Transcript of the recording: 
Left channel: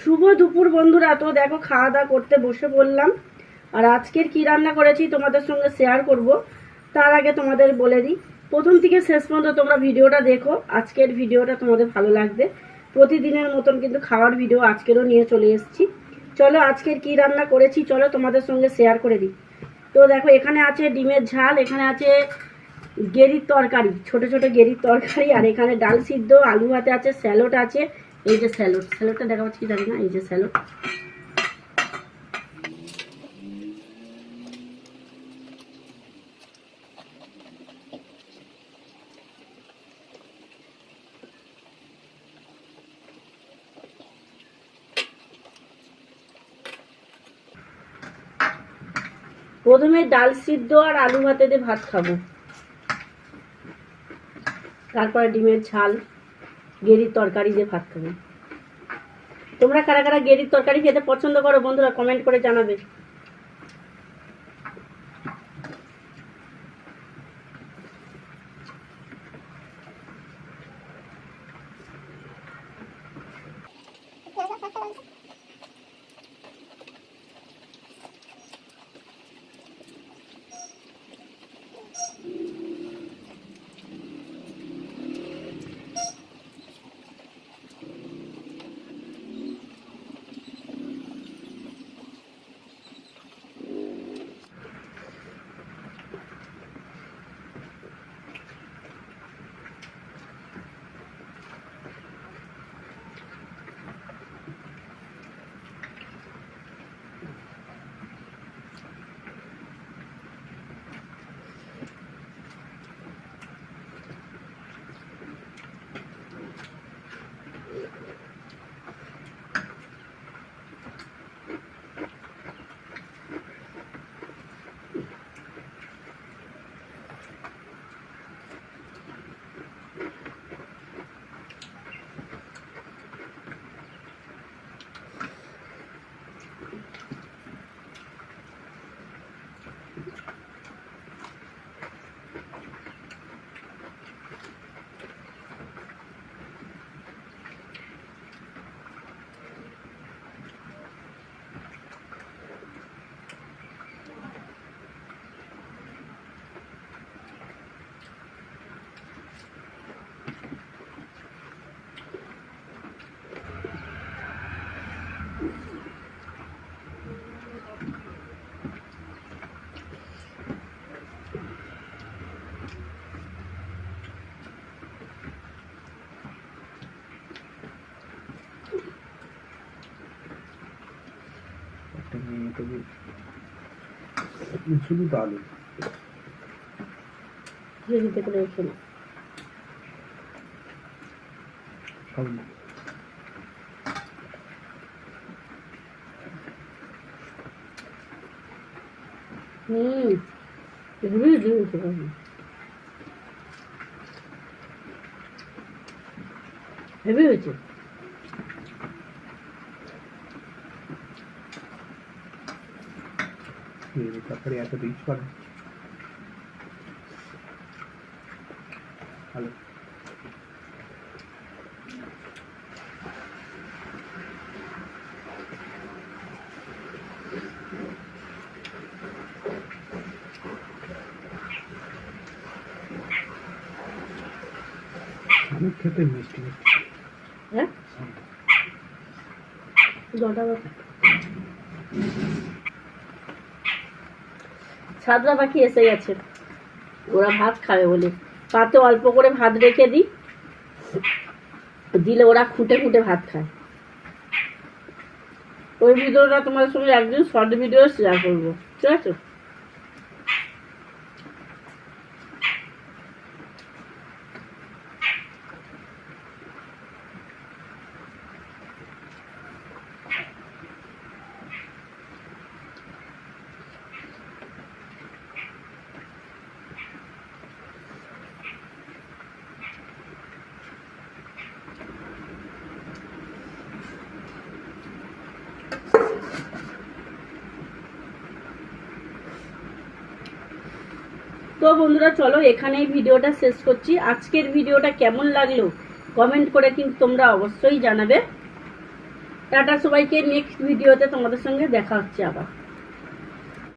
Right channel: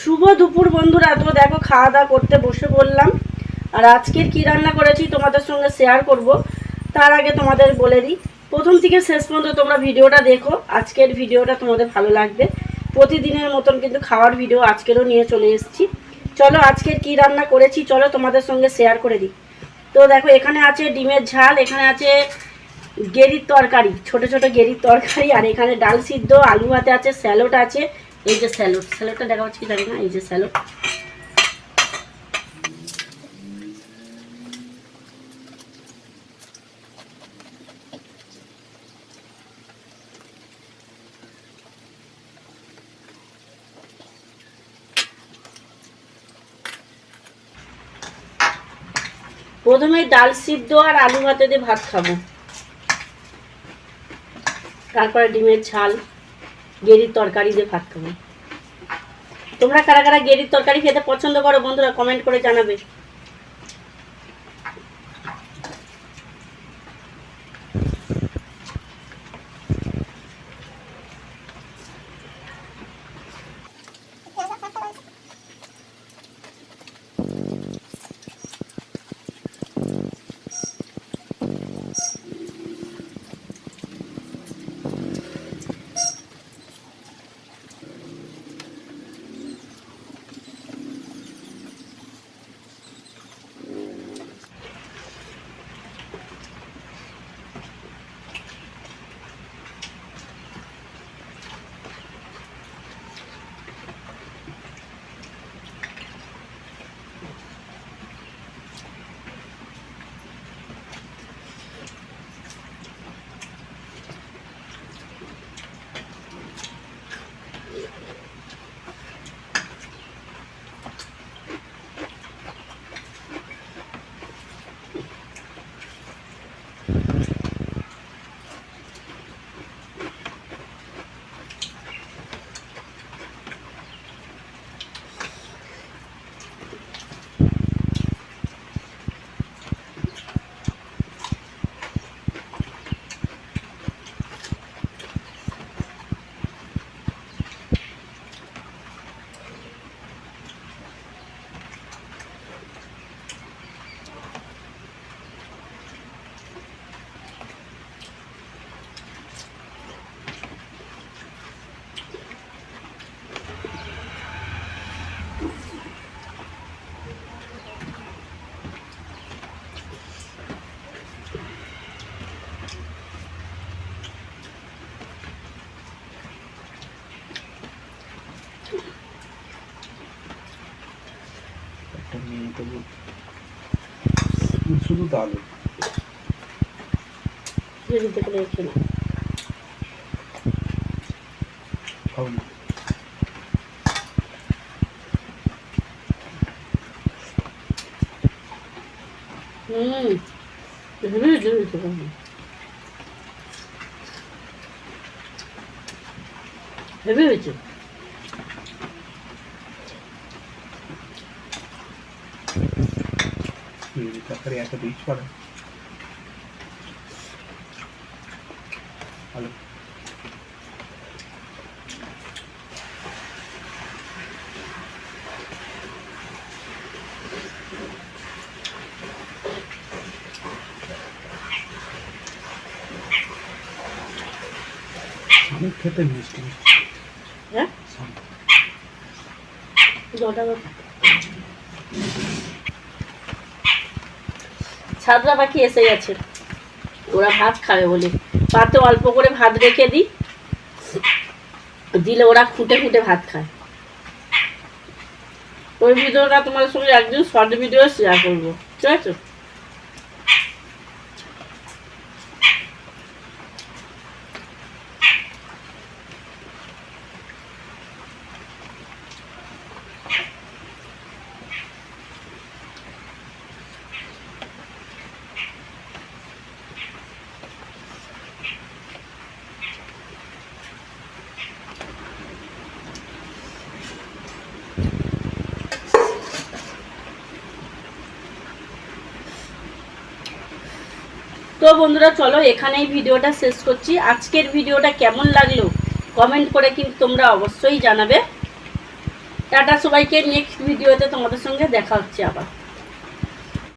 শুভ দুপুর বন্ধুরা। তো দেখো খাওয়া দাওয়া করতে বসে পড়লাম। আর আজকের কি রান্না করেছি তোমাদের সঙ্গে শেয়ার করব। তার আগে তোমাদের বলে দিই, প্রথম থেকে শেষ পর্যন্ত তোমরা ভিডিওটা দেখো। আজকের ভিডিওটা তোমাদের ভালো লাগবে। প্রতিদিনের মতন কিন্তু খাওয়ার ভিডিও আজকেরও নিয়ে চলে এসেছি। চলো আজকের কি রান্না করেছি চলো তোমাদের সঙ্গে শেয়ার করে দিই। তো দেখো, এখানে আছে ডিমের ঝাল, এখানে আছে গেরির তরকারি, ছোট ছোট গেরির তরকারি, আর এখানে ডাল সিদ্ধ, আলু ভাতে আছে, স্যালোড আছে এই যে স্যালোড, স্যালোডটা দেখা যাচ্ছে কি জানি না, এই যে স্যালোড। প্রথমে ডাল সিদ্ধ আর আলু ভাতে দিয়ে ভাত খাব। তারপরে ডিমের ঝাল। গেরির তরকারি দিয়ে ভাত খাবে। তোমরা কারা কারা গেরির তরকারি খেতে পছন্দ করো, বন্ধুরা কমেন্ট করে জানাবে। está muito fundo d'água. Bonita por aqui, né? Calma. Hum, eu não acredito nisso, calma. হয়েছে, বাবা। হেভি হয়েছে এই তরকারি এত রিচ করে আলু শামুক খেতে মিষ্টি মিষ্টি হ্যাঁ শামুক। নটা বাজে। পাখি এসে গেছে ওরা ভাত খাবে বলে। পাতে অল্প করে ভাত রেখে দিই। দিলে ওরা খুঁটে খুঁটে ভাত খায়। ওই ভিডিওটা তোমার সঙ্গে একদিন শর্ট ভিডিও শেয়ার করব। ঠিক আছে তো বন্ধুরা, চলো এখানেই ভিডিওটা শেষ করছি। আজকের ভিডিওটা কেমন লাগল কমেন্ট করে কিন্তু তোমরা অবশ্যই জানাবে। টাটা সবাইকে নেক্সট ভিডিওতে তোমাদের সঙ্গে দেখা হচ্ছে আবার।